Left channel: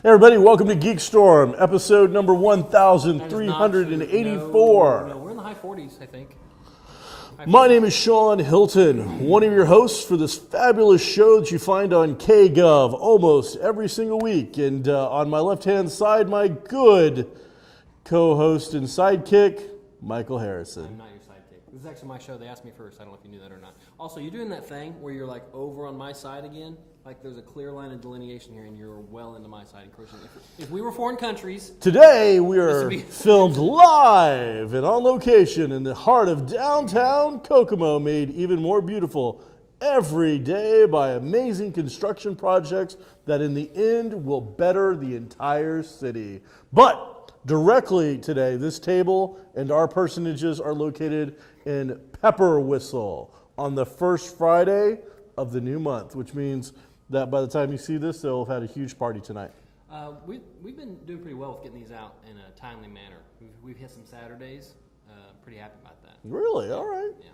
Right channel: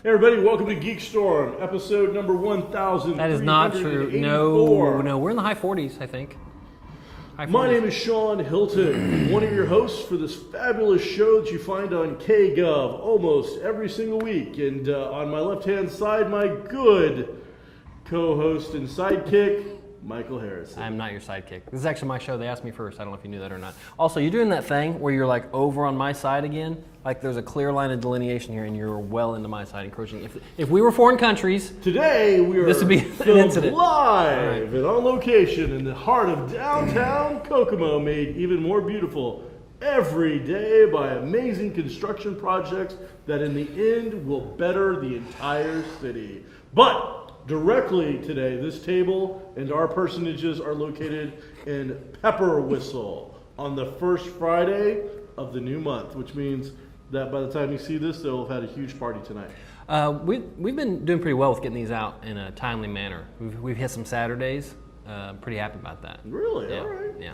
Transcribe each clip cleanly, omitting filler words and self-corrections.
Hey everybody, welcome to GeekStorm, episode number 1384. That is not true. No, we're in the high 40s, I think. My name is Shawn Hilton, one of your hosts for this fabulous show that you find on KGov almost every single week. And on my left-hand side, my good co-host and sidekick, Michael Harrison. I'm not your sidekick. This is actually my show. They asked me first. I don't know if you knew that or not. Also, you're doing that thing where you're like over on my side again. Like there's a clear line of delineation here and you're well into my side encroaching. If we were foreign countries... Today we are filmed live and on location in the heart of downtown Kokomo, made even more beautiful every day by amazing construction projects that in the end will better the entire city. But directly today, this table and our personages are located in Pepper Whistle on the first Friday of the new month, which means that by the time you see this, they'll have had a huge party tonight. We've been doing pretty well with getting these out in a timely manner. We've hit some Saturdays. I'm pretty happy about that. Really? Yeah. All right. Yeah.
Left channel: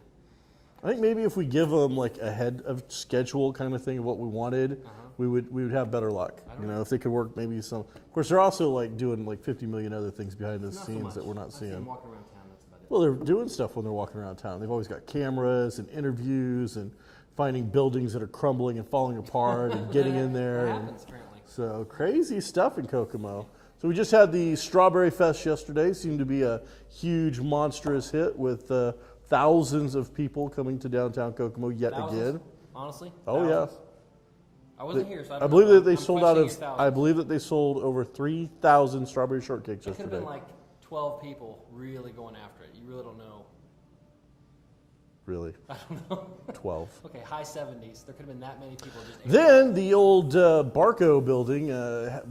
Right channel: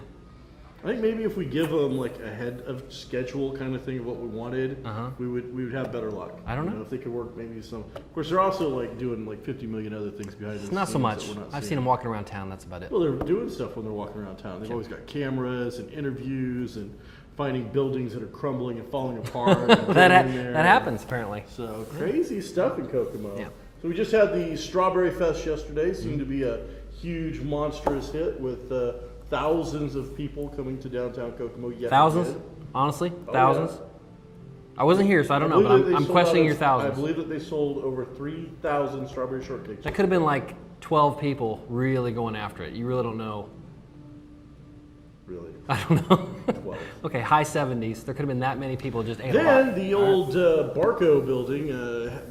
I think maybe if we give them like a head of schedule kind of thing of what we wanted, we would have better luck. I don't know if they could work maybe some. Of course, they're also like doing like 50 million other things behind the scenes. Not so much. That we're not I've seeing. seen them walking around town. That's about it. Well, they're doing stuff when they're walking around town. They've always got cameras and interviews and finding buildings that are crumbling and falling apart. And that happens apparently. So crazy stuff in Kokomo. Yeah. So we just had the Strawberry Fest yesterday. Seemed to be a huge, monstrous hit with thousands of people coming to downtown Kokomo yet Thousands? again. Honestly? Oh, thousands? Yeah. I wasn't here, so I don't know. I'm questioning your thousands. I believe that they sold over 3,000 strawberry shortcakes. That could have been like 12 people really going after it. You really don't know. Really? I don't know. 12. Okay, high 70s. There could have been that many people just ate Then the old Barco building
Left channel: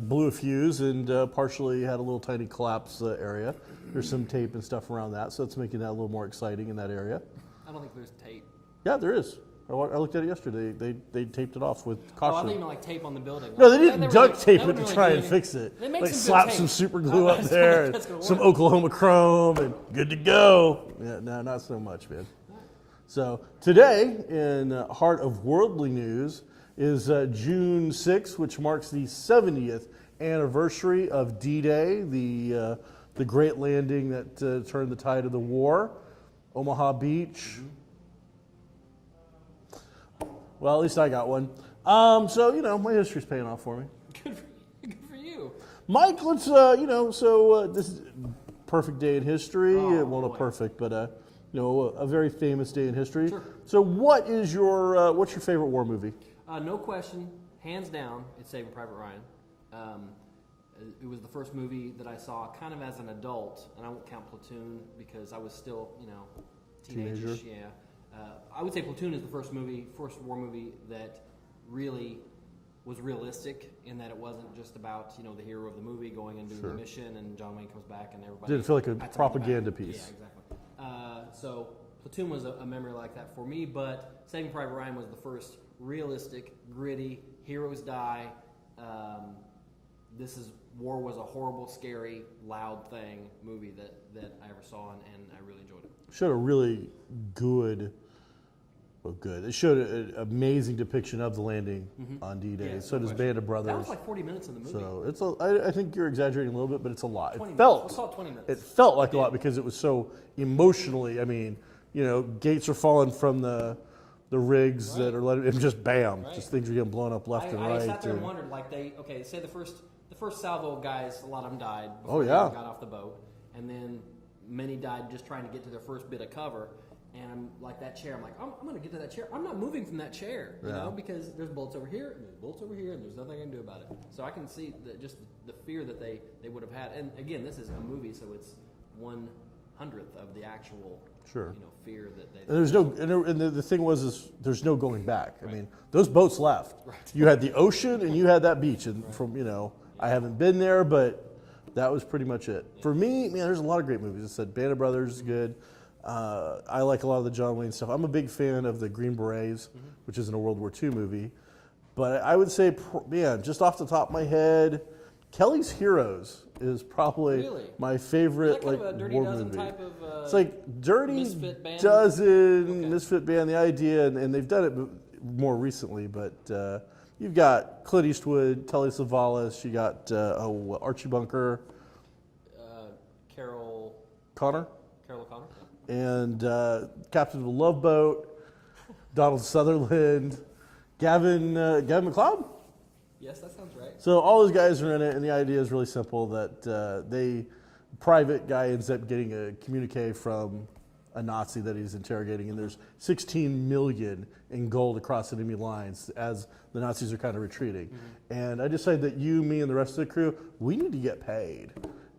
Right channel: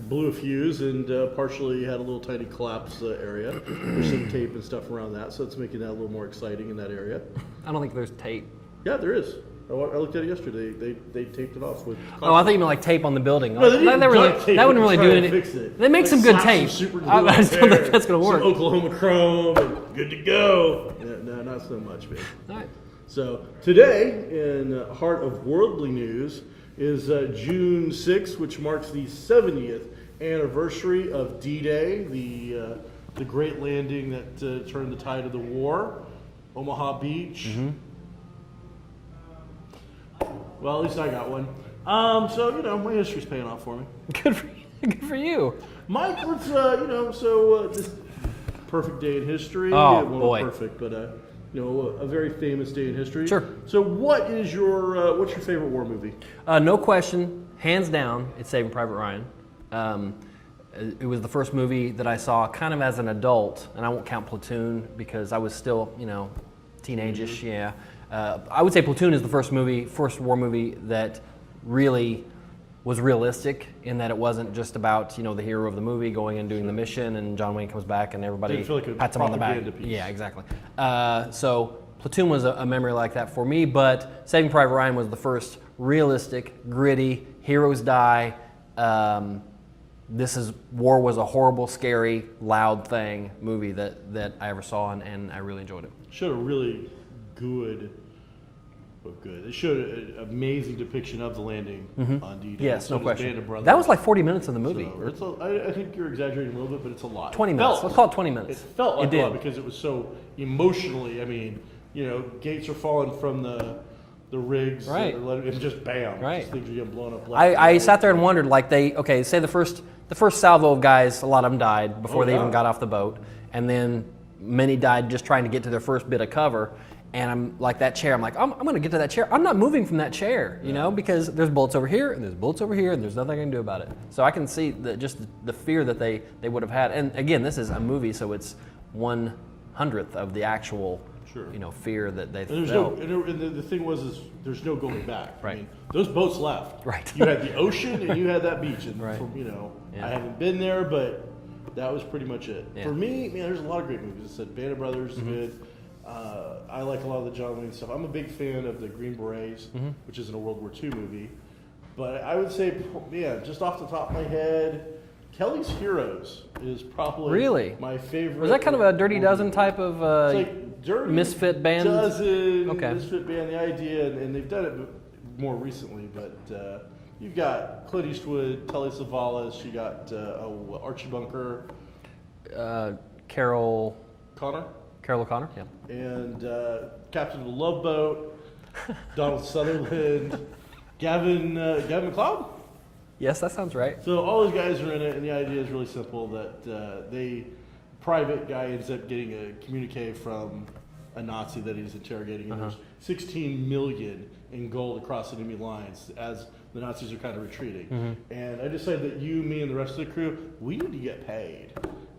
blew a fuse and partially had a little tiny collapse area. There's some tape and stuff around that, so it's making that a little more exciting in that area. I don't think there's tape. Yeah, there is. I looked at it yesterday. They taped it off with caution. Oh, I thought you meant like tape on the building. No, they didn't duct tape that wouldn't really do anything. Fix it. They make some good tape. Some super glue I just don't think that's going to work. Some Oklahoma chrome and good to go. No, not so much, man. All right. So today, in the heart of worldly news, is June 6th, which marks the 70th anniversary of D-Day, the great landing that turned the tide of the war, Omaha Beach. Mm-hmm. Well, at least I got one. So my history's paying off for me. Good for you. Mike, let's this is perfect day in history. Oh, well, boy. Perfect, but a very famous day in history. Sure. So what is what's your favorite war movie? No question, hands down, it's Saving Private Ryan. It was the first movie that I saw kind of as an adult, and I won't count Platoon because I was still, teenage-ish, Mm-hmm. yeah. I would say Platoon is the first war movie that really was realistic in that it wasn't just about, the hero of the movie going and doing the mission and John Wayne comes back and everybody Didn't feel like a pats him on the back. propaganda piece. Yeah, exactly. So Platoon was a memory like that for me, but Saving Private Ryan was the first realistic, gritty, heroes die. War was a horrible, scary, loud thing movie that I ever saw and I really enjoyed it. Showed a really good. It showed an amazing depiction of the landing on D-Day. Yes, so no question. Band of Brothers. That was like 40 minutes of the movie. So I think you're exaggerating a little bit, but it's a lot. 20 minutes. Let's call it 20 minutes. It felt like It a lot did. because it was so emotionally. Gates are falling from the rigs. Right. That are it just bam. Right. Just things are getting blown up left I and right. sat there and wondered, say the first salvo of guys, a lot of them died before they even got off the boat, and then many died just trying to get to their first bit of cover. And I'm like that chair. I'm like, I'm going to get to that chair. I'm not moving from that chair, because there's bullets over here and there's bullets over here and there's nothing I can do about it. So I can see just the fear that they would have had. And again, this is a movie, so it's 1/100th of the actual, fear that they felt. And the thing was there's no going back. Right. I mean, those boats left. Right. You had the ocean and you had that beach. And Right. I haven't been there, but That was pretty much it. Yeah. For me, man, there's a lot of great movies. I said Band of Brothers is good. I like a lot of the John Wayne stuff. I'm a big fan of the Green Berets, which isn't a World War II movie. But I would say, just off the top of my head, Kelly's Heroes is probably my favorite. Is that kind of a Dirty Dozen movie. type of it's like Dirty misfit band? Misfit band, the idea, and they've done it more recently, but you've got Clint Eastwood, Telly Savalas, you got Archie Bunker. Carol O'Connor, yeah. And Captain of the Love Boat, Donald Sutherland, Gavin McLeod? Yes, that sounds right. So all those guys are in it, and the idea is really simple, that private guy ends up getting a communique from a Nazi that he's interrogating, and there's 16 million in gold across enemy lines as the Nazis are kind of retreating. And I decided that me, and the rest of the crew, we need to get paid.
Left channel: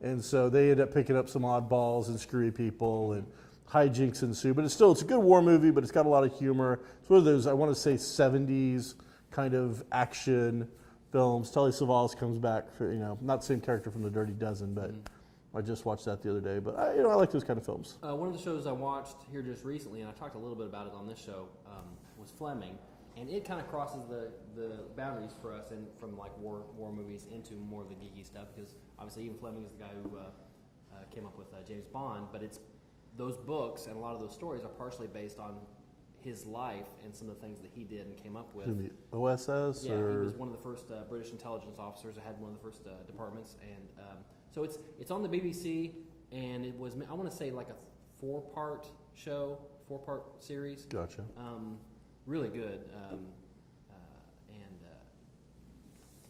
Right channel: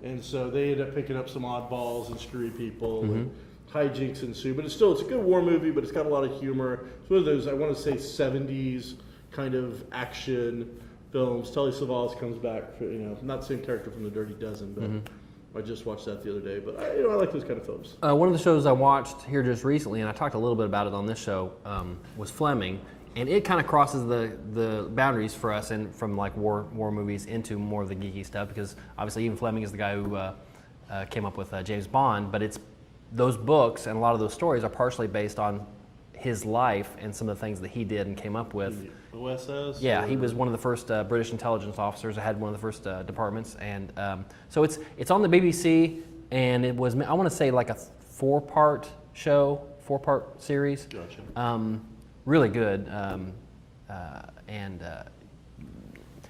And so they end up picking up some oddballs and screwy people, and hijinks ensue. But it's a good war movie, but it's got a lot of humor. It's one of those, I want to say, 70s kind of action films. Telly Savalas comes back, for, not the same character from the Dirty Dozen, but I just watched that the other day. But I like those kind of films. One of the shows I watched here just recently, and I talked a little bit about it on this show, was Fleming. And it kind of crosses the boundaries for us, and from like war movies into more of the geeky stuff, because obviously even Fleming is the guy who came up with James Bond, but it's those books and a lot of those stories are partially based on his life and some of the things that he did and came up with. OSS? Yeah, he was one of the first British intelligence officers. I had one of the first departments, and so it's on the BBC, and it was, I want to say, like a 4-part show, 4-part series. Gotcha. Really good, and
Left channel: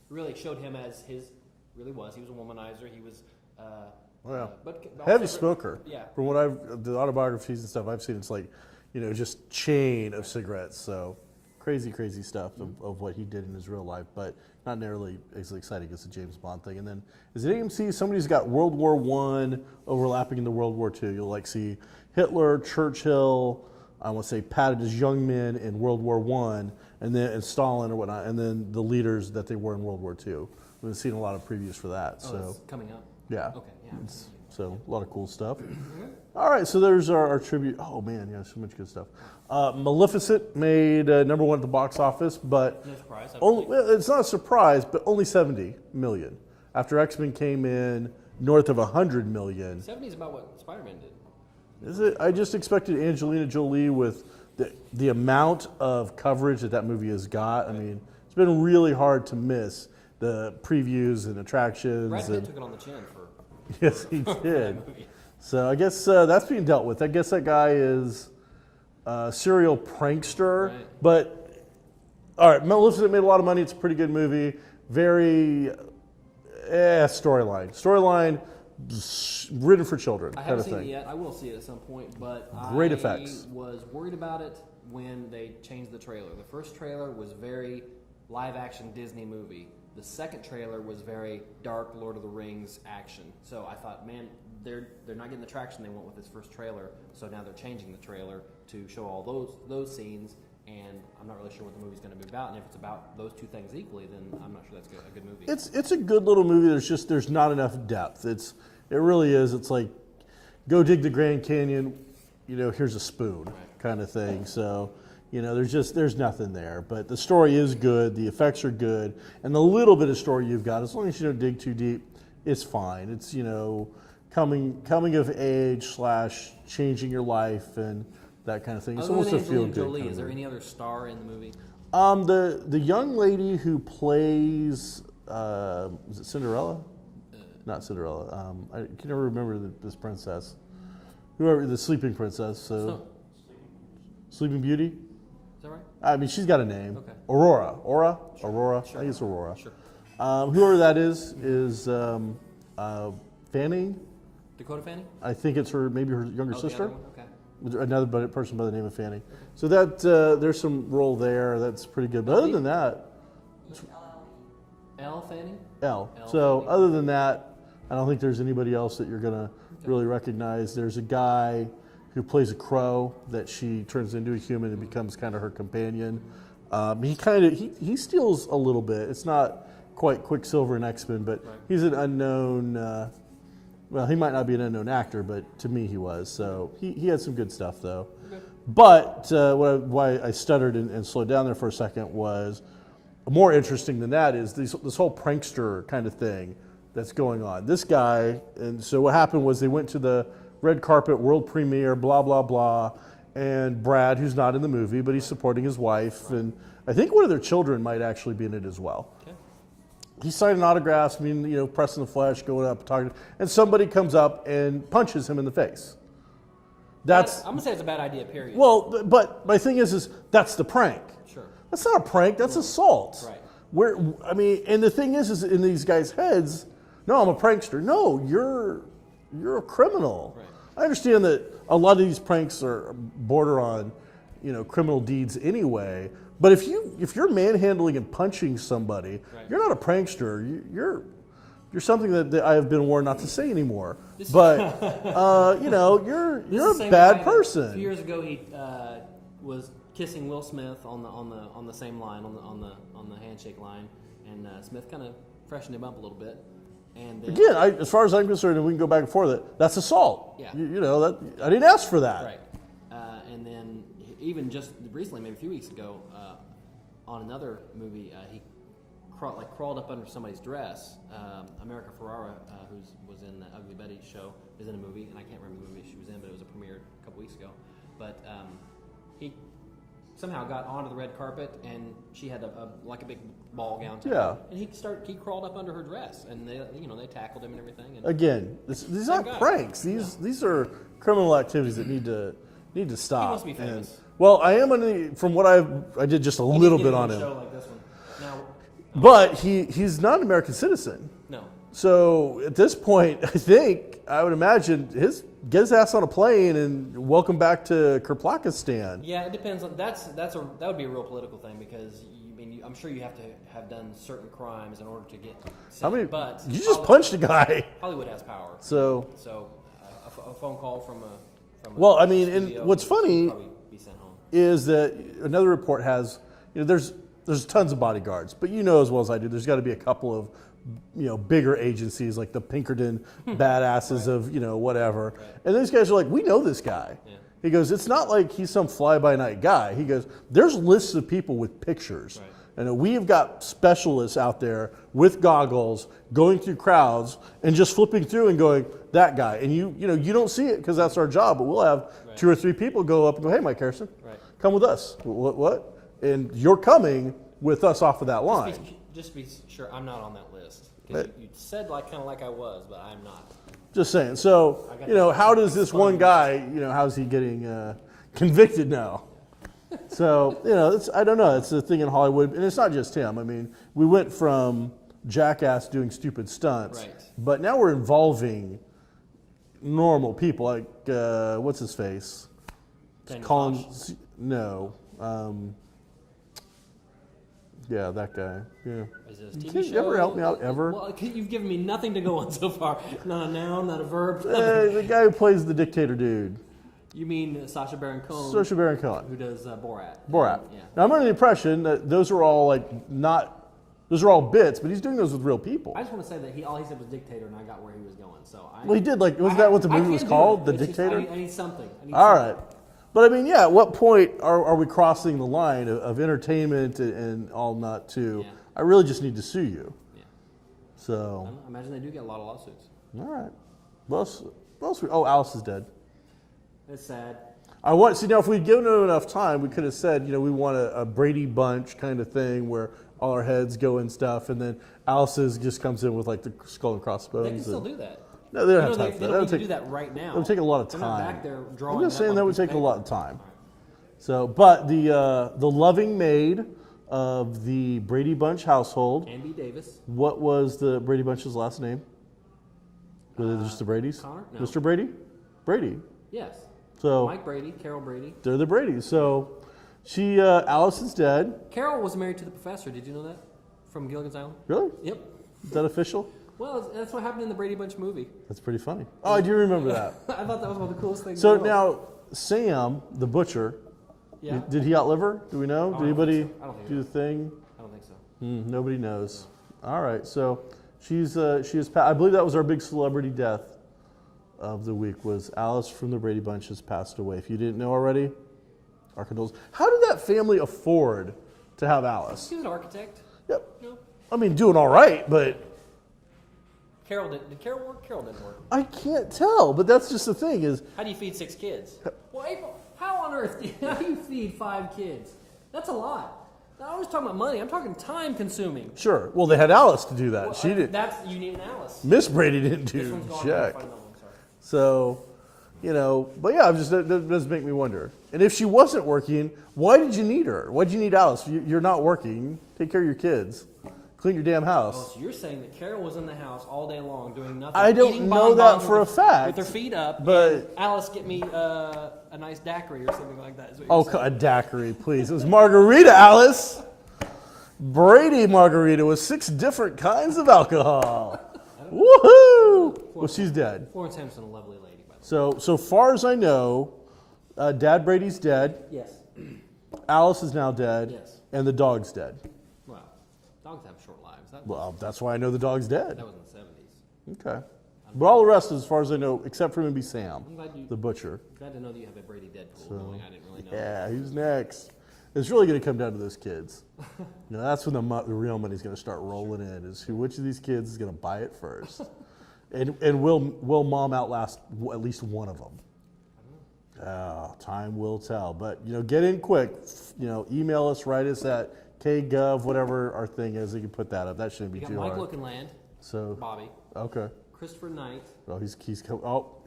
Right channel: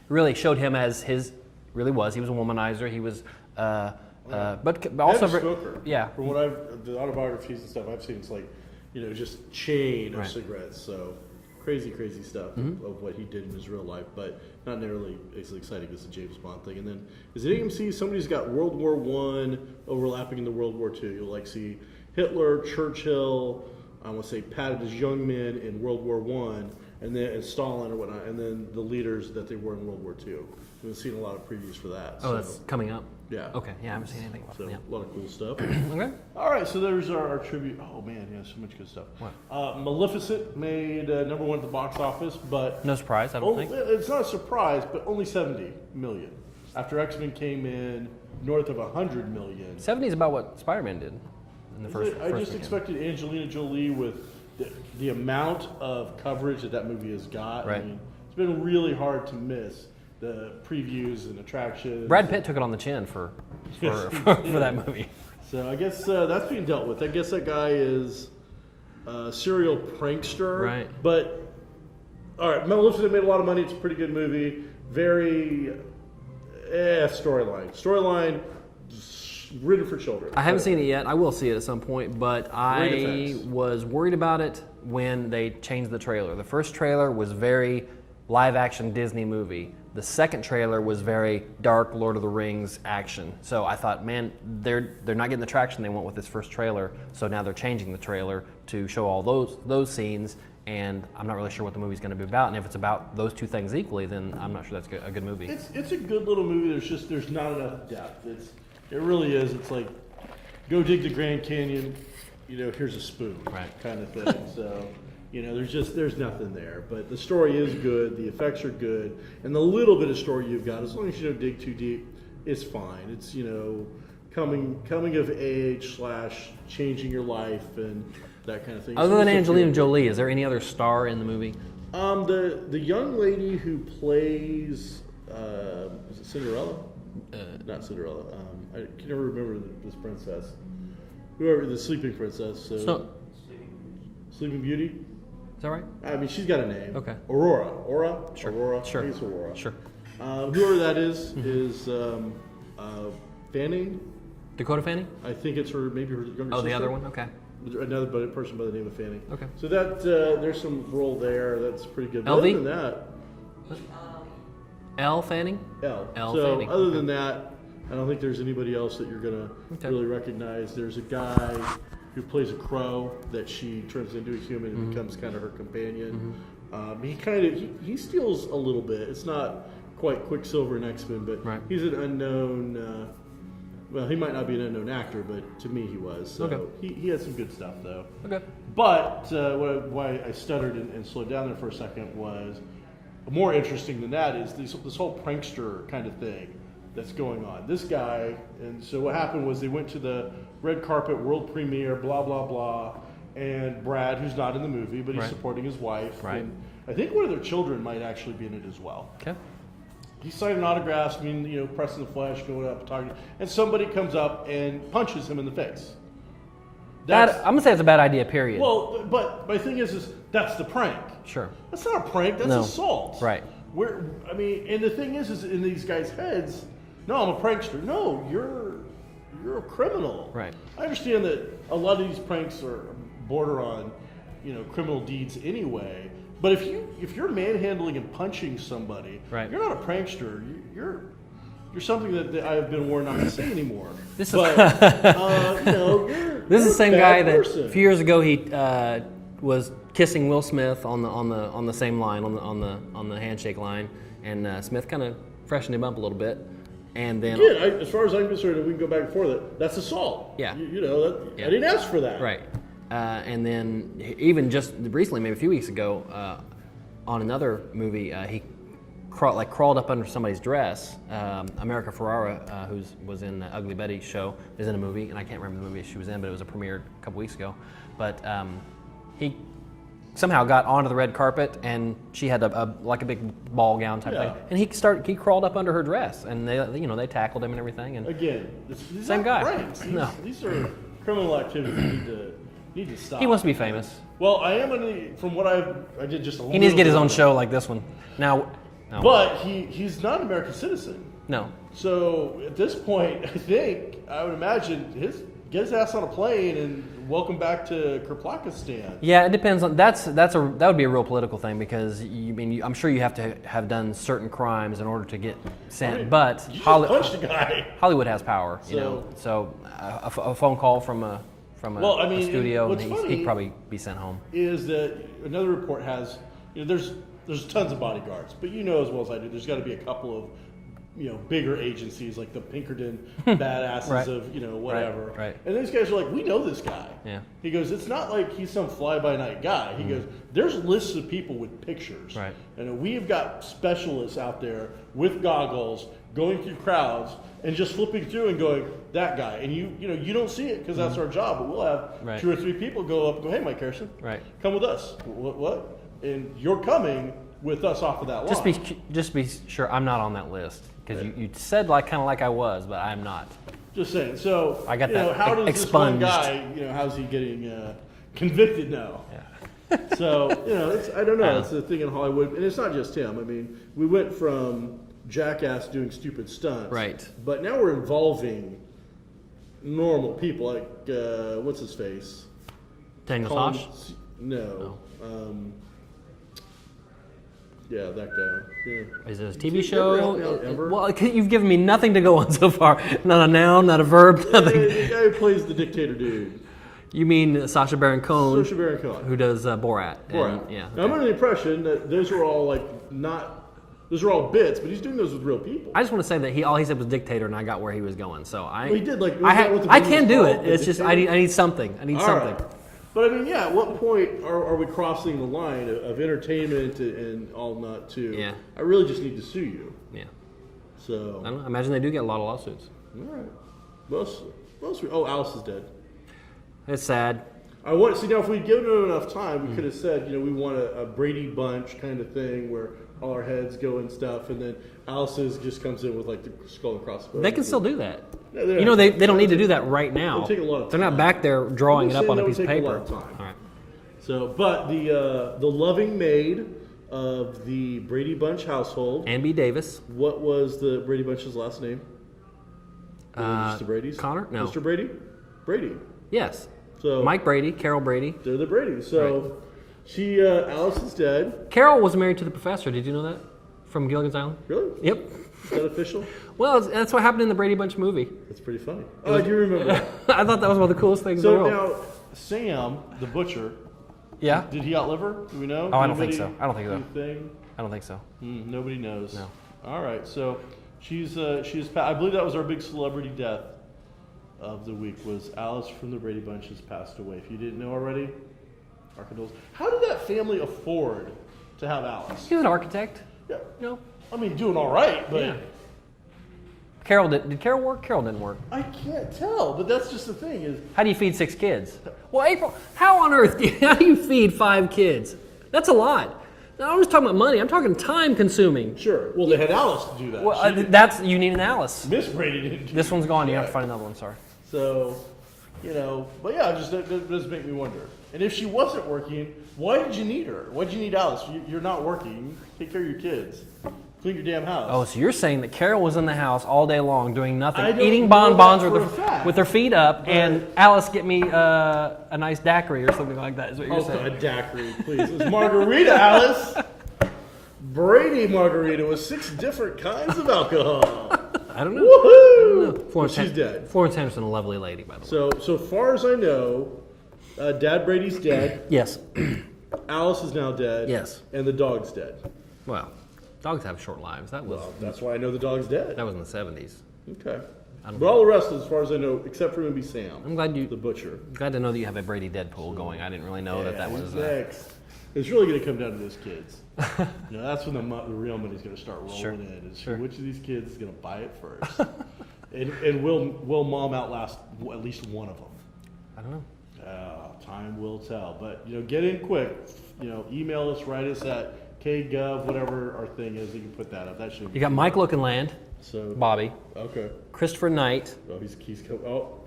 really showed him as he was a womanizer. He was, but also heavy smoker. Yeah. From what the autobiographies and stuff I've seen, it's like, just chain of cigarettes. So crazy stuff of what he did in his real life, but not nearly as exciting as the James Bond thing. And then, is it AMC? Somebody's got World War I overlapping into World War II. You'll like see Hitler, Churchill, I want to say patted as young men in World War I, and Stalin or whatnot, and then the leaders that they were in World War II. We've seen a lot of previews for that. Oh, that's coming up? Yeah. Okay, yeah, I haven't seen anything about So, it. a lot of cool stuff. Okay. All right, so there's our tribute. Oh, man, yeah, so much good stuff. Maleficent made #1 at the box office, but... No surprise, I don't think. It's not a surprise, but only 70 million. After X-Men came in north of 100 million. 70 is about what Spider-Man did. I just expected Angelina Jolie with the amount of coverage that movie has got. Right. I mean, it's been really hard to miss the previews and attractions. Brad Pitt took it on the chin for that movie. So I guess that's being dealt with. I guess that guy is a serial prankster. Right. But, all right, Maleficent made a lot of money. It's a pretty good movie. Very storyline written for children. I haven't seen it yet. I will see it at some point, but I was worried about it when they changed the trailer. The first trailer was very live-action Disney movie. The second trailer was very dark Lord of the Rings action. So I thought, man, they're not getting the traction they want with this first trailer. So now they're changing the trailer to show all those scenes, and I'm not really sure what the movie's going to be about. And if it's about those two things equally, then I'm not sure that's a good movie. It's a good little movie. There's not enough depth. It really is. It's like, go dig the Grand Canyon, here's a spoon, kind of thing. So, there's nothing there. But the story is good, the effects are good, and the little bit of story you've got, as long as you don't dig too deep, it's fine. It's, coming of age / changing your life and that kind of thing. Other than Angelina Jolie, is there any other star in the movie? The young lady who plays, is it Cinderella? Not Cinderella. I can never remember this princess. Whoever, the sleeping princess. So Sleeping Beauty. Is that right? I mean, she's got a name. Okay. Aurora. Sure. Aurora. Sure. I think it's Aurora. Sure. Whoever that is Fanning. Dakota Fanning? I think it's maybe her younger sister. Oh, the other one? Okay. Another person by the name of Fanning. Okay. So that there's some role there that's pretty good. But LV? other than that, Elle Fanning? so Fanning. other than that, I don't think there's anybody else that you're gonna really recognize. There's a guy who plays a crow that she turns into a human and becomes kind of her companion. He steals a little bit. It's not quite Quicksilver in X-Men, but he's an unknown. Well, he might not be an unknown actor, but to me he was. So he had some good stuff, though. Okay. But why I stuttered and slowed down there for a second was more interesting than that is this whole prankster kind of thing that's going on. This guy, and so what happened was they went to the red carpet world premiere, blah, blah, blah, and Brad, who's not in the movie, but he's supporting his wife, and I think one of their children might actually be in it as well. Okay. He's signing autographs, pressing the flesh, going up, talking, and somebody comes up and punches him in the face. I'm gonna say it's a bad idea. Period. Well, but my thing is that's the prank. Sure. That's not a prank. That's assault. Right. And the thing is in these guys' heads, no, I'm a prankster. No, you're a criminal. Right. I understand that a lot of these pranks are border on, criminal deeds anyway. But if you're manhandling and punching somebody, you're not a prankster. You're something that I have been warned not to say anymore. This is the same guy that a few years ago he was kissing Will Smith on the same line on the handshake line, and Smith kind of freshened him up a little bit. And then again, as far as I'm concerned, and we can go back and forth, that's assault. Yeah. I didn't ask for that. Right. And then even just recently, maybe a few weeks ago, on another movie, he crawled up under somebody's dress. America Ferrera, who was in the Ugly Betty show, is in a movie, and I can't remember the movie she was in, but it was a premiere a couple weeks ago. But he somehow got onto the red carpet, and she had a big ball gown type thing, and he crawled up under her dress, and they tackled him and everything. And again, these aren't pranks. These are criminal activities that need to stop. He wants to be famous. Well, I am from what I did just a little bit. He needs to get his own show like this one. Now, but he's not an American citizen. No. So at this point, I would imagine get his ass on a plane and welcome back to Kirplakistan. Yeah, it depends on that would be a real political thing because I'm sure you have to have done certain crimes in order to get sent. But you just punched a guy. Hollywood has power. So a phone call from a studio. What's funny he'd probably be sent home. Is that another report has there's tons of bodyguards, but as well as I do, there's got to be a couple of bigger agencies like the Pinkerton badasses of whatever. Right. And these guys are like, we know this guy. Yeah. He goes, it's not like he's some fly-by-night guy. He goes, there's lists of people with pictures, and we have got specialists out there with goggles going through crowds and just flipping through and going, that guy. And you don't see it because that's our job, but we'll have 2 or 3 people go up and go, hey, Mike Harrison, come with us. What? And you're coming with us off of that line. Just be sure I'm not on that list. Because you said kind of like I was, but I'm not. Just saying. So, I got how does this one guy, how's he getting convicted now? Yeah. So, I don't know. It's the thing in Hollywood. And it's not just him. I mean, we went from Jackass doing stupid stunts. Right. But now we're involving normal people. Like, what's his face? Daniel Tosh? No. Yeah, that guy. Yeah. Is it a TV show? Help me out ever? Well, you've given me nothing to go on so far. Not a noun, not a verb, nothing. The guy who plays the dictator dude. You mean Sacha Baron Cohen? Sacha Baron Cohen. Who does Borat. Borat. Now, I'm under the impression that those are all those are all bits, but he's doing those with real people. I just want to say that all he said was dictator, and I got where he was going. So he did. Was that what the I movie can was do called? it. It's just I need something. I need all something. Right. But at what point are we crossing the line of entertainment and all not to? Yeah. I really just need to sue you. Yeah. So. I don't know. I imagine they do get a lot of lawsuits. All right. Alice is dead. It's sad. Now if we'd given it enough time, we could have said, we want a Brady Bunch kind of thing where all our heads go and stuff, and then Alice's just comes in with the skull and crossbones. They can still do that. No, they don't need to do that right now. It'll take a lot of time. They're not back there drawing it up on a piece of paper. That would take a lot of time. All right. So, but the loving maid of the Brady Bunch household, Ann B. Davis. What was the Brady Bunch's last name? Just the Brady's? Connor? No. Mr. Brady? Brady. Yes. So Mike Brady, Carol Brady. They're the Bradys. So Alice is dead. Carol was married to the professor. Did you know that? From Gilligan's Island. Really? Yep. Is that official? Well, that's what happened in the Brady Bunch movie. That's pretty funny. Oh, I do remember that. I thought that was one of the coolest things in the world. So now, Sam, the butcher, did he outlive her? Do we know? Oh, I don't think so. I don't think so. Thing? I don't think so. Nobody knows. No. All right, so she is. I believe that was our big celebrity death of the week. Was Alice from the Brady Bunch has passed away. If you didn't know already, our condolences. How did that family afford to have Alice? He was an architect. Yep. No. I mean, doing all right, but. Yeah. Carol did Carol work? Carol didn't work. I can't tell, but that's just the thing is. How do you feed 6 kids? Well, April, how on earth how do you feed 5 kids? That's a lot. Now, I'm just talking about money. I'm talking time consuming. Sure. Well, they had Alice to do that. Well, you need an Alice. Miss Brady didn't do This one's gone. Jack. You have to find another one. Sorry. So, but yeah, it does make me wonder. And if she wasn't working, why did you need her? Why did you need Alice? You're not working. Take care of your kids. Clean your damn house. Oh, so you're saying that Carol was in the house all day long doing nothing, I don't eating know bonbons that for a fact, with her feet up, but- and Alice, get me a nice daiquiri or something like that. Is what you're saying. A daiquiri, please. It was margarita, Alice. Brady margarita with 6 different kinds of alcohol. I don't know. Woohoo! Well, she's dead. Florence Henderson, a lovely lady, by the way. So far as I know, Dad Brady's dead. Yes. Alice is now dead. Yes. And the dog's dead. Well, dogs have short lives. Well, that's why I know the dog's dead. That was in the 70s. Okay. But all the rest, as far as I know, except for maybe Sam. I'm glad the butcher. Glad to know that you have a Brady Deadpool going. I didn't really know that was who's next. It's really going to come down to those kids. That's when the real money's going to start rolling in. Is which of these kids is going to buy it first, and will Mom outlast at least one of them? I don't know. Time will tell. But get in quick. Email us, write us at KGov, whatever our thing is. You can put that up. That shouldn't be. You got too Mike hard. Lookinland. So Bobby. Okay. Christopher Knight. Oh, he's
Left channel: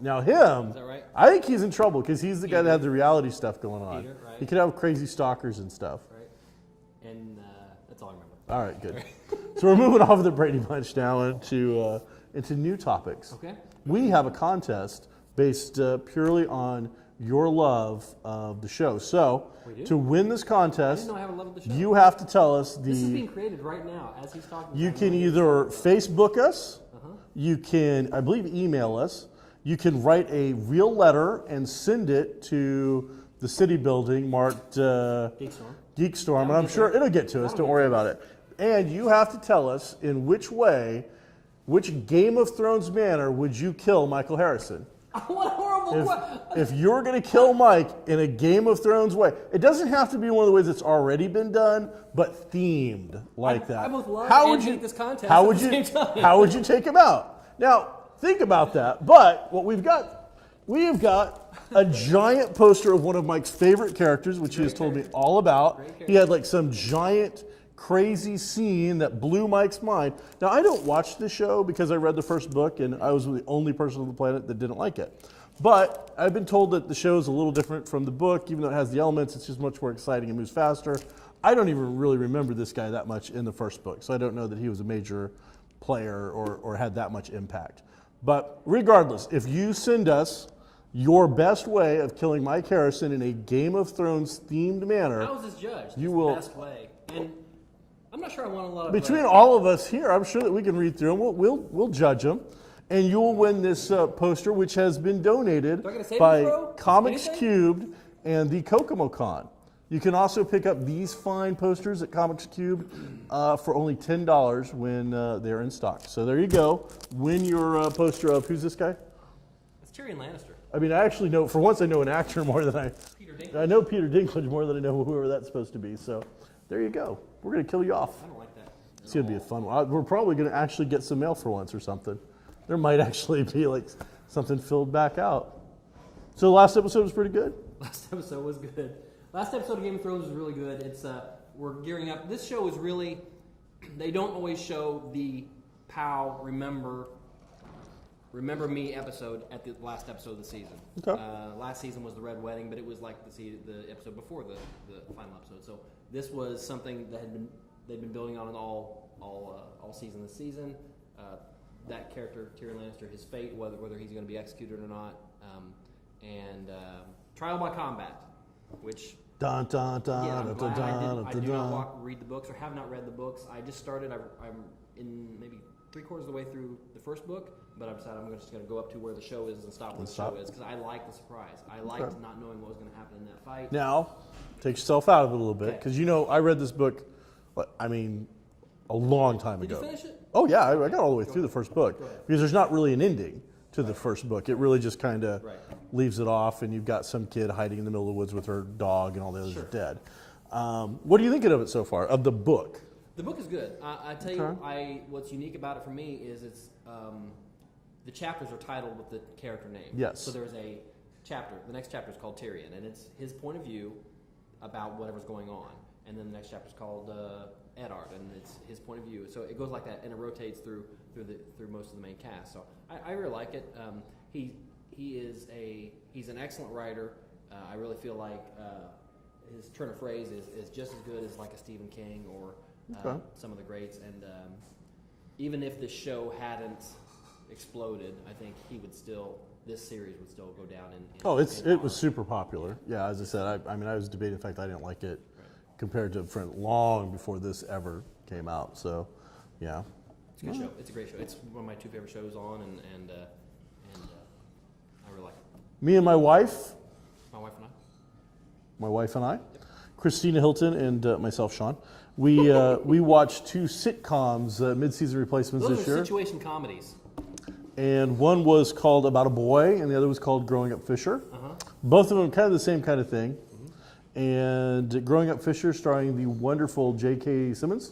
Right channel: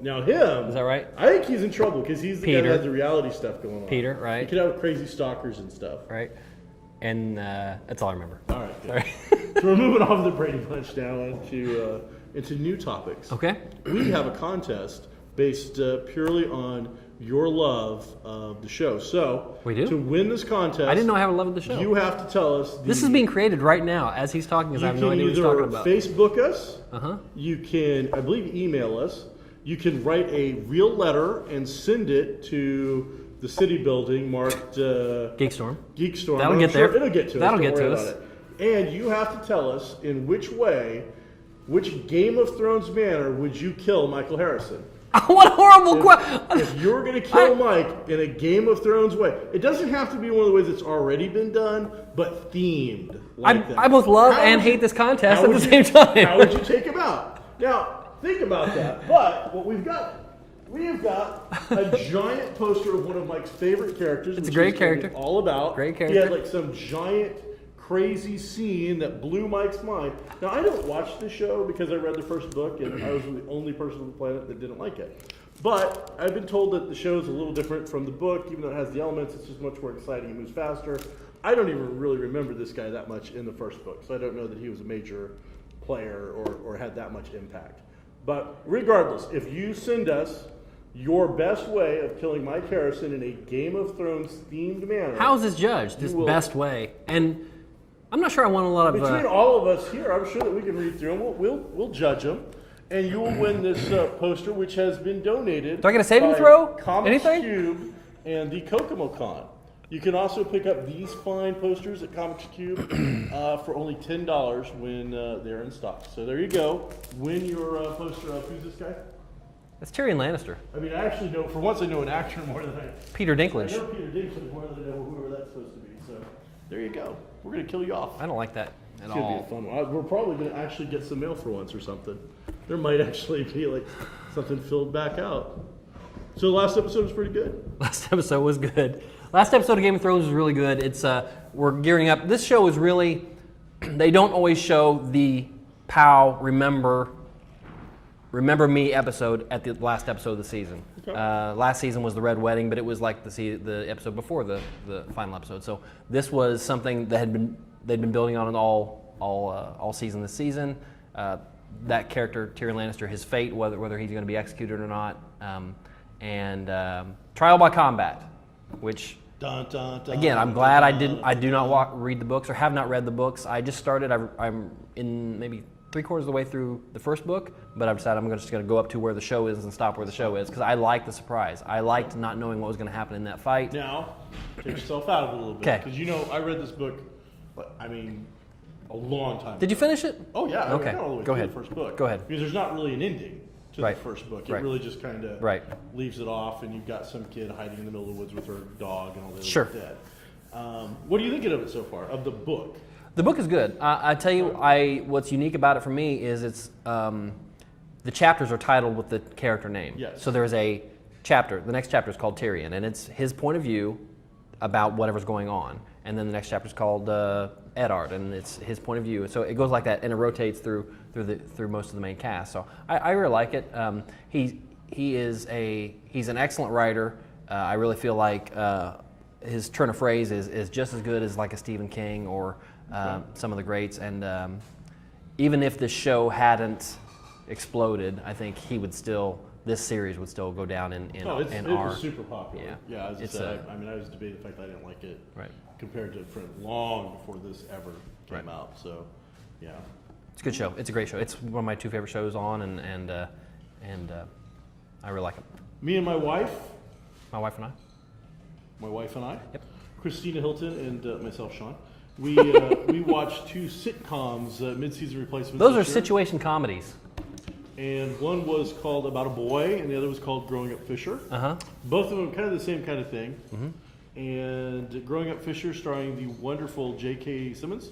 now him. Is that right? I think he's in trouble because he's the guy Peter. that had the reality stuff going on. Peter, right. He could have crazy stalkers and stuff. Right. And that's all I remember. All right, good. So we're moving off of the Brady Bunch now into new topics. Okay. We have a contest based purely on your love of the show. So We do? to win this contest, I didn't know I have a love of the show. you have to tell us. This is being created right now as he's talking. You I have can no idea what he's either talking about. Facebook us. Uh-huh. You can, I believe, email us. You can write a real letter and send it to the city building marked GeekStorm. GeekStorm. That'll I'm get sure there. It'll get to That'll us. Don't get worry to about us. it. And you have to tell us in which Game of Thrones manner would you kill Michael Harrison? What a horrible question! If you're going to kill Mike in a Game of Thrones way, it doesn't have to be one of the ways that's already been done, but themed like that. I both love and hate this contest at the same time. How would you take him out? Now, think about that. But what we've got a giant poster of one of Mike's favorite characters, which a great he's told me character. all about. Great He character. had like some giant, crazy scene that blew Mike's mind. Now, I don't watch the show because I read the first book and I was the only person on the planet that didn't like it. But I've been told that the show is a little different from the book, even though it has the elements. It's just much more exciting and moves faster. I don't even really remember this guy that much in the first book, so I don't know that he was a major player or had that much impact. But regardless, if you send us your best way of killing Mike Harrison in a Game of Thrones themed manner, How is this judged? This will- best way. And I'm not sure I want a lot of... between all of us here, I'm sure that we can read through them. We'll judge them. And you'll win this poster, which has been donated Do I get a saving by throw? Comics Anything? Cube and the Kokomo Con. You can also pick up these fine posters at Comics Cube for only $10 when they're in stock. So there you go. Win your poster of, who's this guy? That's Tyrion Lannister. I mean, I actually know, for once I know an actor more than Peter Dinklage. I know Peter Dinklage more than I know whoever that's supposed to be. So there you go. We're going to kill you off. I don't like that at It's going to be all. a fun one. We're probably going to actually get some mail for once or something. There might actually be like something filled back out. So the last episode was pretty good. Last episode was good. Last episode of Game of Thrones was really good. It's we're gearing up. This show is really, they don't always show the POW Remember Me episode at the last episode of the season. Okay. Last season was the Red Wedding, but it was like the episode before the final episode. So this was something that they'd been building on all season this season. That character, Tyrion Lannister, his fate, whether he's going to be executed or not, and trial by combat, which Dun, dun, dun, again, I'm dun, glad dun, I do not read the books or have not read the books. I just started. I'm in maybe 3/4 of the way through the first book, but I've decided I'm just going to go up to where the show is and stop where the show is because I like the surprise. I liked not knowing what was going to happen in that fight. Now, take yourself out of it a little bit. Okay. Because I read this book, I mean, a long time Did you ago. finish it? Oh yeah, Okay. I got all the way Go through ahead. the first book. Go ahead. Because there's not really an ending to Right. the first book. It Right. really just kind of Right. leaves it off, and you've got some kid hiding in the middle of the woods with her dog, and all the others Sure. are dead. What are you thinking of it so far, of the book? The book is good. I tell you, what's unique about it for me is it's the chapters are titled with the character name. Yes. So there's a chapter. The next chapter is called Tyrion, and it's his point of view about whatever's going on. And then the next chapter is called Eddard, and it's his point of view. And so it goes like that, and it rotates through most of the main cast. So I really like it. He's an excellent writer. I really feel like his turn of phrase is just as good as like a Stephen King or some of the greats. And even if this show hadn't exploded, I think this series would still go down in It our, was super popular. Yeah, as I said, I was debating the fact that I didn't like it compared to long before this ever came out. So, yeah. It's a good show. It's a great show. It's one of my 2 favorite shows on, and I really like it. Me and my wife. My wife and I. My wife and I. Yep. Christina Hilton and myself, Shawn. We watched 2 sitcoms, mid-season replacements. Those are this year. situation comedies. And one was called About a Boy, and the other was called Growing Up Fisher. Both of them kind of the same kind of thing. And Growing Up Fisher, starring the wonderful J.K. Simmons.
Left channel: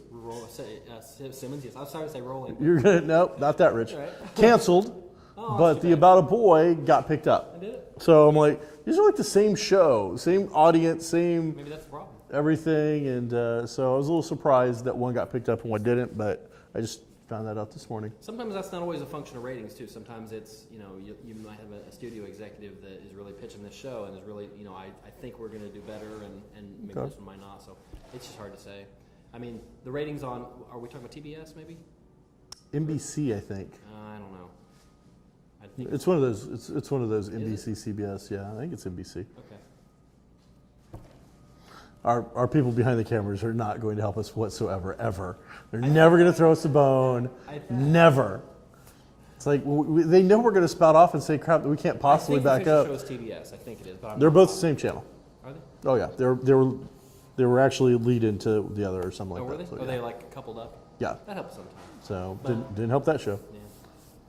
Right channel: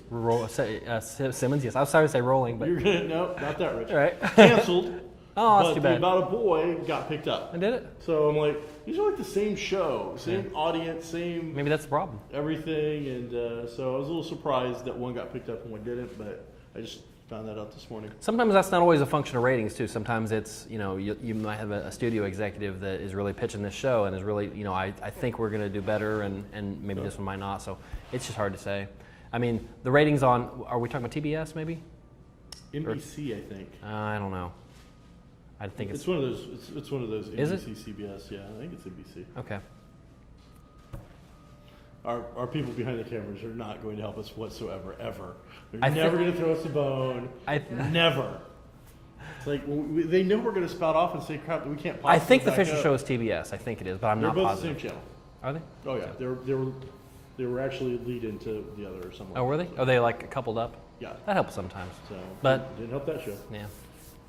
Simmons, yes. I was sorry to say Rolling, but You're gonna no, not that rich. Right. Canceled. Oh, that's But too the bad. About a Boy got picked up. I did it. So I'm like, these are like the same show, same audience, same Maybe that's the problem. everything. And so I was a little surprised that one got picked up and one didn't, but I just found that out this morning. Sometimes that's not always a function of ratings too. Sometimes it's, you might have a studio executive that is really pitching this show and is really, I think we're going to do better and maybe this one might not. So it's just hard to say. I mean, the ratings on, are we talking about TBS maybe? NBC, I think. I don't know. I think It's one of those. It's one of those Is it? NBC, CBS. Yeah, I think it's NBC. Okay. Our people behind the cameras are not going to help us whatsoever, ever. They're never going to throw us a bone. Never. It's like they know we're going to spout off and say crap that we can't possibly I think the back Fisher up. show is TBS. I think it is, but I'm They're not both positive. the same channel. Are they? Oh yeah, they were actually lead into the other or something. Oh, like were that. they? So, Are they like coupled up? Yeah. That helps sometimes. So, But- didn't help that show. Yeah.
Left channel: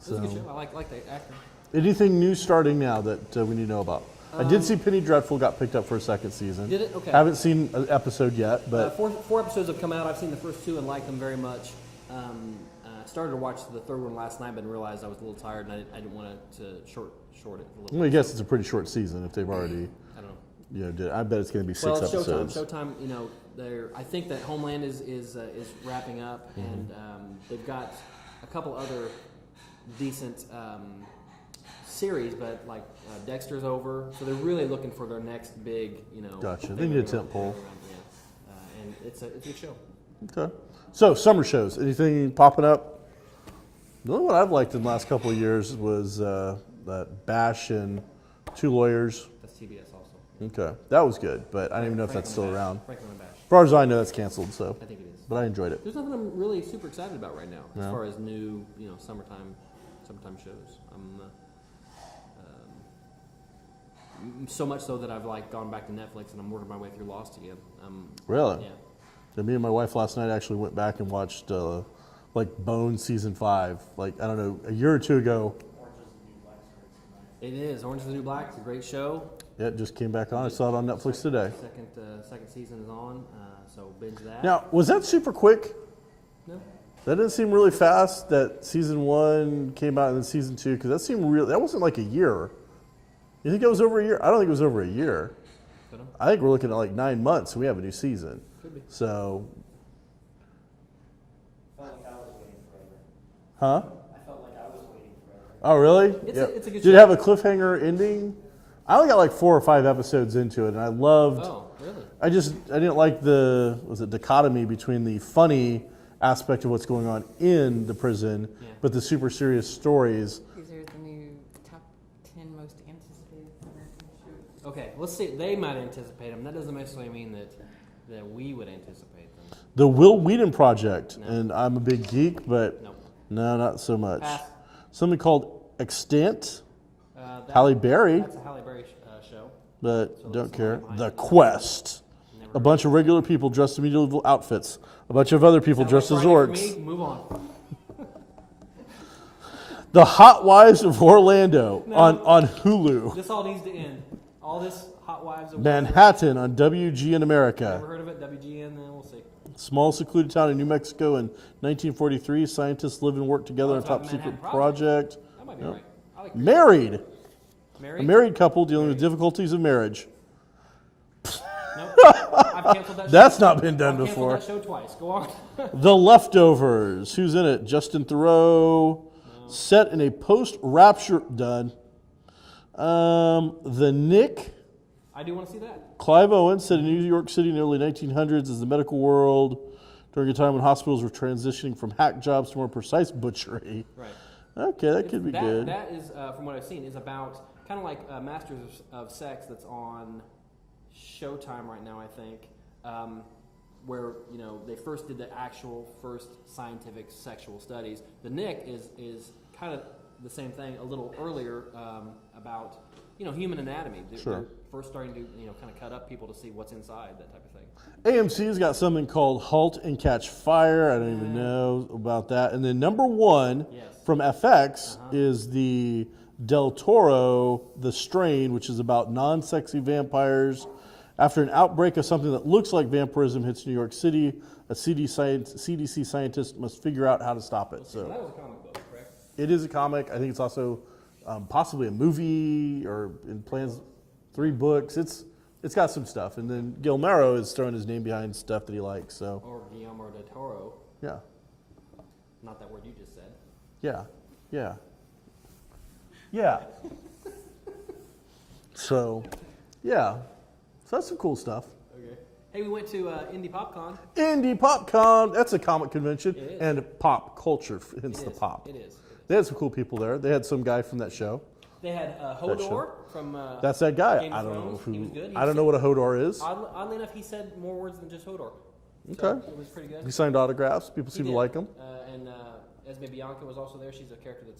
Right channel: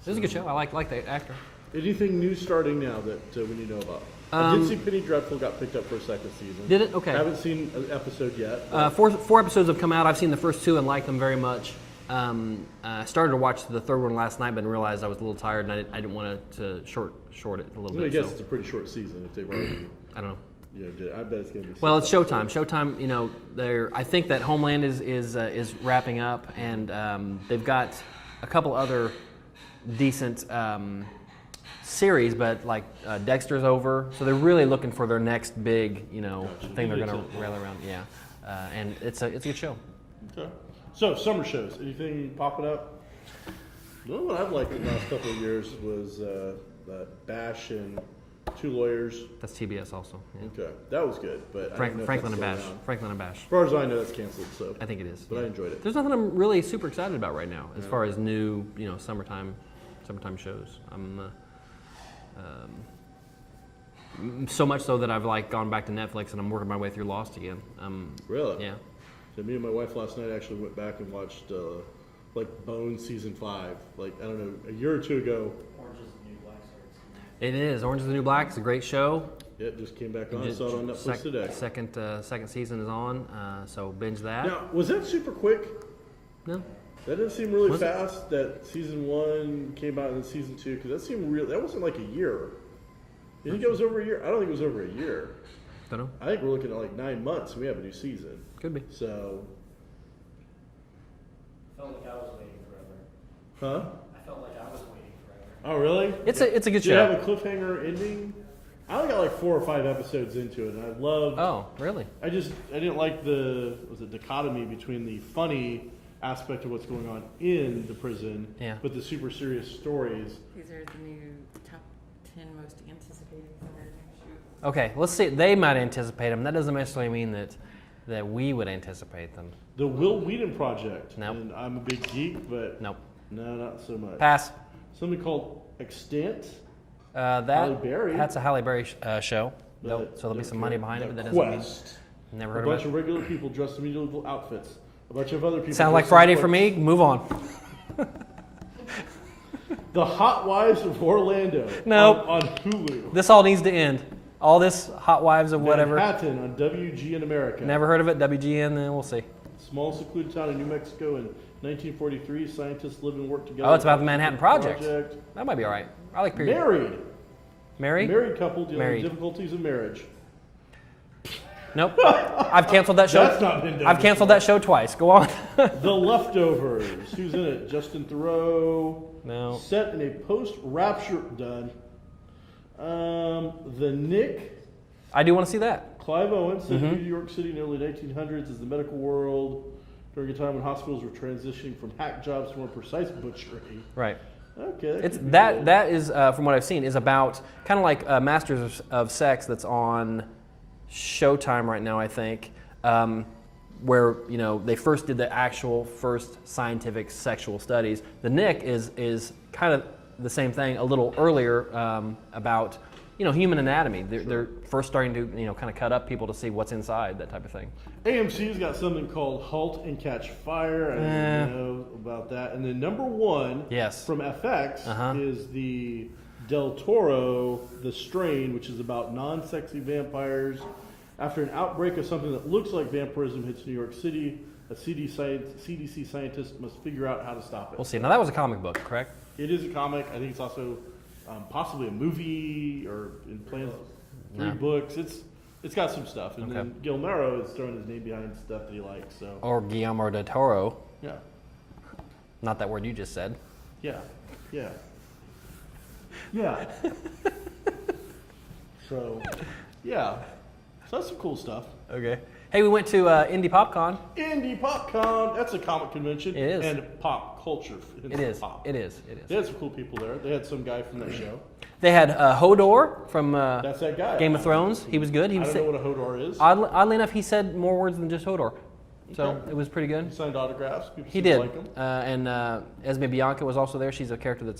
It was a good show. I like the actor. Anything new starting now that we need to know about? I did see Penny Dreadful got picked up for a second season. Did it? Okay. Haven't seen an episode yet. But Four episodes have come out. I've seen the first 2 and liked them very much. I started to watch the third one last night, but realized I was a little tired and I didn't want to short it a little bit. I guess so, it's a pretty short season if they've already. I don't know. Did. I bet it's going to be 6 Well, it's Showtime. episodes. Showtime, I think that Homeland is wrapping up, and they've got a couple other decent series, but like Dexter's over, so they're really looking for their next big, Gotcha. thing they're going to Tentpole. rally around. Yeah, and it's a good show. Okay. So summer shows. Anything popping up? The only one I've liked in the last couple of years was that Bash and Two Lawyers. That's TBS also. Yeah. Okay, that was good, but I don't know if that's Franklin still and Bash. around. Franklin and Bash. As far as I know, it's canceled. So, I think it is. but I enjoyed it. There's nothing I'm really super excited about right now as No. far as new, summertime shows. I'm so much so that I've like gone back to Netflix and I'm working my way through Lost again. Really? Yeah. So me and my wife last night actually went back and watched like Bone season 5. Like I don't know, a year or two ago. It is. Orange is the New Black. It's a great show. Yeah, it just came back on. I saw it on Netflix today. Second season is on, so binge that. Now, was that super quick? No. That didn't seem really fast. That season 1 came out and then season 2 because that seemed real. That wasn't like a year. You think it was over a year? I don't think it was over a year. Don't know. I think we're looking at like 9 months and we have a new season. Could be. So, I felt like I was waiting forever. huh? I felt like I was waiting forever. Oh, really? It's Yeah. a good Did show. it have a cliffhanger ending? I only got like 4 or 5 episodes into it, and I loved. Oh, really? I didn't like the dichotomy between the funny aspect of what's going on in the prison, Yeah. but the super serious stories. These are the new top 10 most anticipated summer shows. Okay, let's see. They might anticipate them. That doesn't necessarily mean that we would anticipate them. The Wil Wheaton Project, Nope. and I'm a big geek, but Nope. no, not so much. Pass. Something called Extant, That, Halle Berry, That's a Halle Berry show. but So there'll be don't some care. money behind The it. That doesn't Quest. Never A heard bunch of of regular people dressed in medieval outfits A bunch of other people Sounds like dressed Friday as for orcs. me. Move on. The Hot Wives of Orlando No. on Hulu. This all needs to end. All this Hot Wives of whatever. Manhattan on WGN America. Never heard of it. WGN, then we'll see. Small secluded town in New Mexico in 1943. Scientists live and work together. Oh, it's on about the top Manhattan secret Project. That might be all right. I like period. Married. Mary? A married couple dealing Married. with difficulties of marriage. Nope. I've canceled that show. That's not been done I've canceled before. that show twice. Go on. The Leftovers. Who's in it? Justin Theroux. No. Set in a post-rapture done. The Nick. I do want to see that. Clive Owen set Mm-hmm. in New York City in the early 1900s as the medical world during a time when hospitals were transitioning from hack jobs to more precise butchery. Right. Okay, that It's could be that good. that is from what I've seen is about kind of like Masters of Sex that's on Showtime right now, I think, where they first did the actual first scientific sexual studies. The Nick is kind of the same thing, a little earlier about human anatomy. They're first starting to kind of cut up people to see what's inside, that type of thing. AMC's got something called Halt and Catch Fire. I don't even know about that. And then number one Yes. from FX is the Del Toro The Strain, which is about non-sexy vampires. After an outbreak of something that looks like vampirism hits New York City, a CDC scientist must figure out how to stop it. We'll see. Now that was a comic book, correct? It is a comic. I think it's also possibly a movie or in plans. 3 books. It's got some stuff. And then Guillermo is throwing his name behind stuff that he likes. So Or Guillermo del Toro. yeah, Not that word you just said. yeah. So yeah, so that's some cool stuff. Okay. Hey, we went to Indie PopCon. Indie PopCon. That's a comic convention. It is. And pop culture. It is. Pop. It is. They had some cool people there. They had some guy from that show. They had Hodor from That's that guy. Game I of don't know Thrones. who- He was good. I don't know what a Hodor is. Oddly enough, he said more words than just Hodor. So Okay. it was pretty good. He signed autographs. People He seem did. to like him. And Esme Bianca was also there. She's a character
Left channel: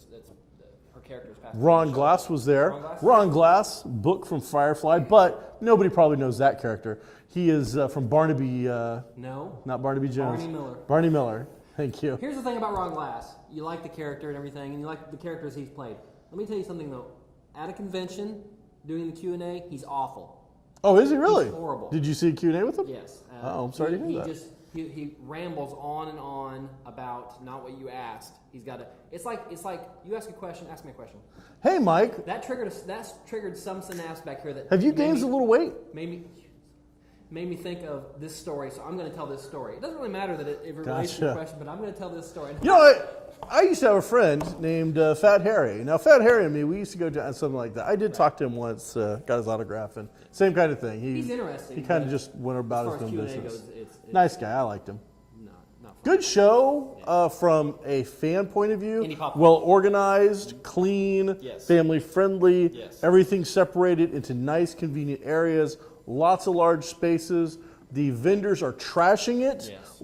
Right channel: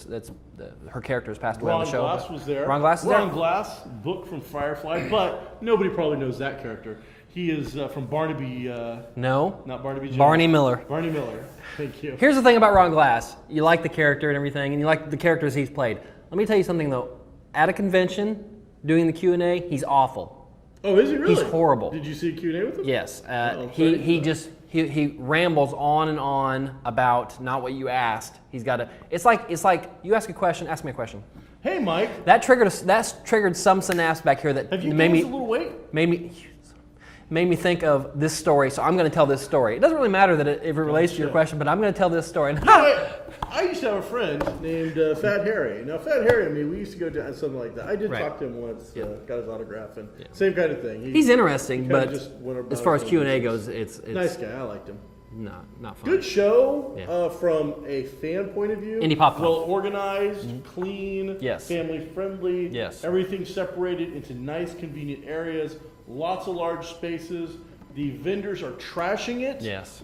her character has passed away on Ron the show. Glass was there. Ron Glass is Ron there? Glass, book from Firefly, but nobody probably knows that character. He is from Barnaby, No. not Barnaby Jones. Barney Miller. Barney Miller. Thank you. Here's the thing about Ron Glass. You like the character and everything, and you like the characters he's played. Let me tell you something, though. At a convention, doing the Q&A, he's awful. Oh, is he really? He's horrible. Did you see a Q&A with him? Yes. Oh, sorry to he hear that. just he rambles on and on about not what you asked. He's got to. It's like you ask a question, ask me a question. Hey, Mike, That's triggered some synapse back here that have you made gained me a little weight? made me think of this story. So I'm going to tell this story. It doesn't really matter that if it relates to your Gotcha. question, but I'm going to tell this story. No, I used to have a friend named Fat Harry. Now, Fat Harry and me, we used to go to something like that. I did Right. talk to him once, got his autograph, and same kind of thing. He's interesting, kinda but just went about as far his as own Q&A business. goes, it's Nice guy. I liked him. not fun. Good show Yeah. from a fan point of view. Indie popcorn. Well organized, clean, Yes. family friendly. Yes. Everything separated into nice, convenient areas. Lots of large spaces. The vendors are trashing it. Yes.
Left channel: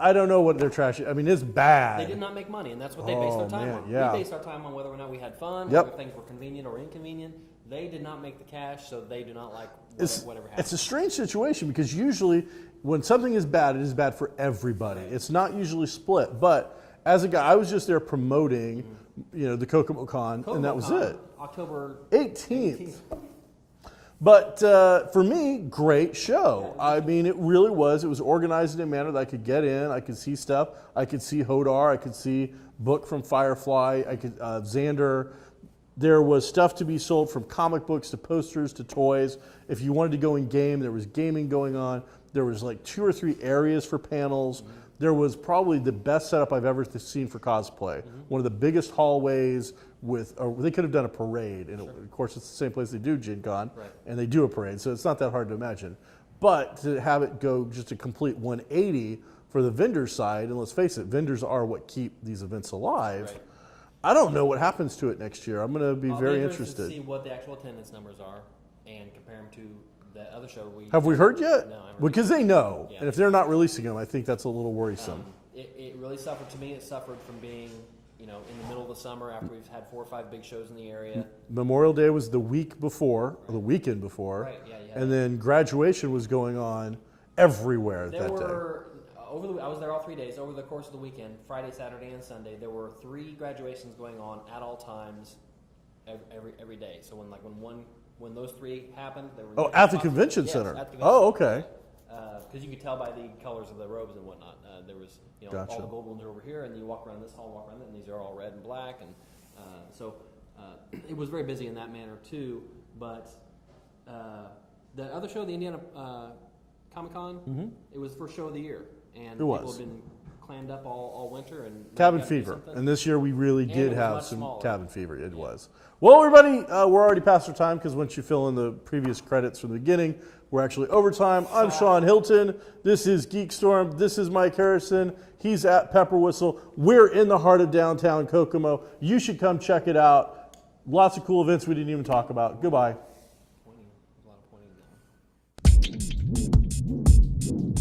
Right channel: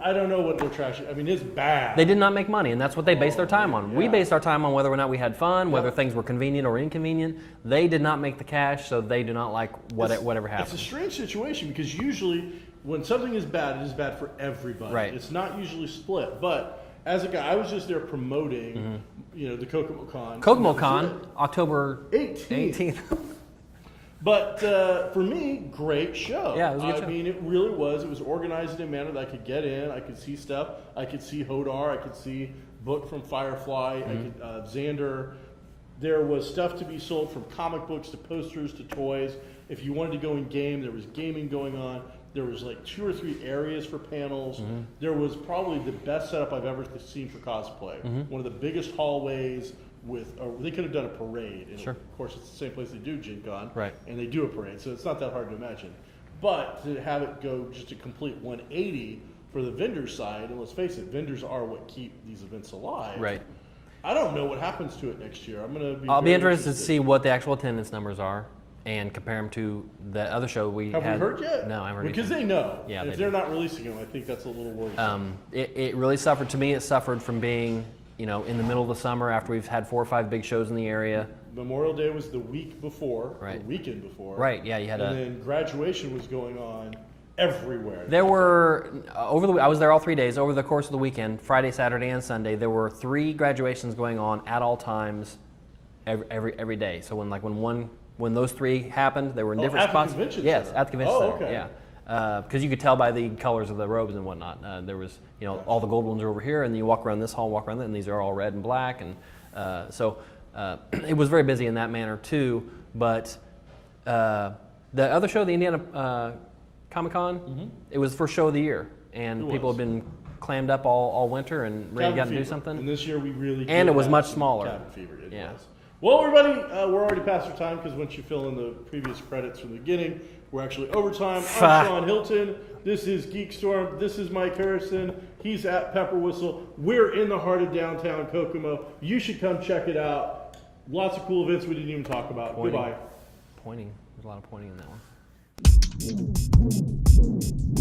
I don't know what they're trashing. I mean, it's bad. They did not make money, and that's what they based their time man, on. yeah. We based our time on whether or not we had fun, Yep. whether things were convenient or inconvenient. They did not make the cash, so they do not like whatever happened. It's a strange situation because usually when something is bad, it is bad for everybody. Right. It's not usually split. But as a guy, I was just there promoting, the Kokomo Con. and Kokomo that was Con, it. October 18th. But for me, great show. Yeah, it was a good show. mean, it really was. It was organized in a manner that I could get in. I could see stuff. I could see Hodor. I could see Book from Firefly. I could Xander. There was stuff to be sold from comic books to posters to toys. If you wanted to go in game, there was gaming going on. There was like 2 or 3 areas for panels. There was probably the best setup I've ever seen for cosplay. One of the biggest hallways they could have done a parade. And of course, it's the same place they do Gen Con. Right. And they do a parade, so it's not that hard to imagine. But to have it go just a complete 180 for the vendor side, and let's face it, vendors are what keep these events alive. Right. I don't know what happens to it next year. I'm going to be I'll very be interested to see what the actual attendance numbers are and compare them to the other show we Have we had. heard yet? No, I haven't heard Because yet. they know. Yeah, and if they they're not releasing them, I think that's a little worrisome. It really suffered. To me, it suffered from being, in the middle of the summer after we've had 4 or 5 big shows in the area. Memorial Day was the week before, Right. the weekend before. Right, yeah, you had And then graduation was going on everywhere. There were I was there all 3 days. Over the course of the weekend, Friday, Saturday, and Sunday, there were 3 graduations going on at all times, every day. So when those 3 happened, there were different at spots. the convention yes, center. at the convention Oh, center. okay. Yeah, because you could tell by the colors of the robes and whatnot. There was, Gotcha. all the gold ones are over here, and then you walk around this hall, walk around that, and these are all red and black, and so it was very busy in that manner too. But the other show, the Indiana Comic Con, it was the first show of the year, and people have been clammed up all winter and ready to do something. And this year we really did And it was have much some smaller. cabin fever. It Yeah. was. Well, everybody, we're already past our time because once you fill in the previous credits from the beginning, we're actually overtime. I'm Shawn Hilton. This is GeekStorm. This is Mike Harrison. He's at Pepper Whistle. We're in the heart of downtown Kokomo. You should come check it out. Lots of cool events we didn't even talk about. Pointing. Goodbye. Pointing. There's a lot of pointing in that one.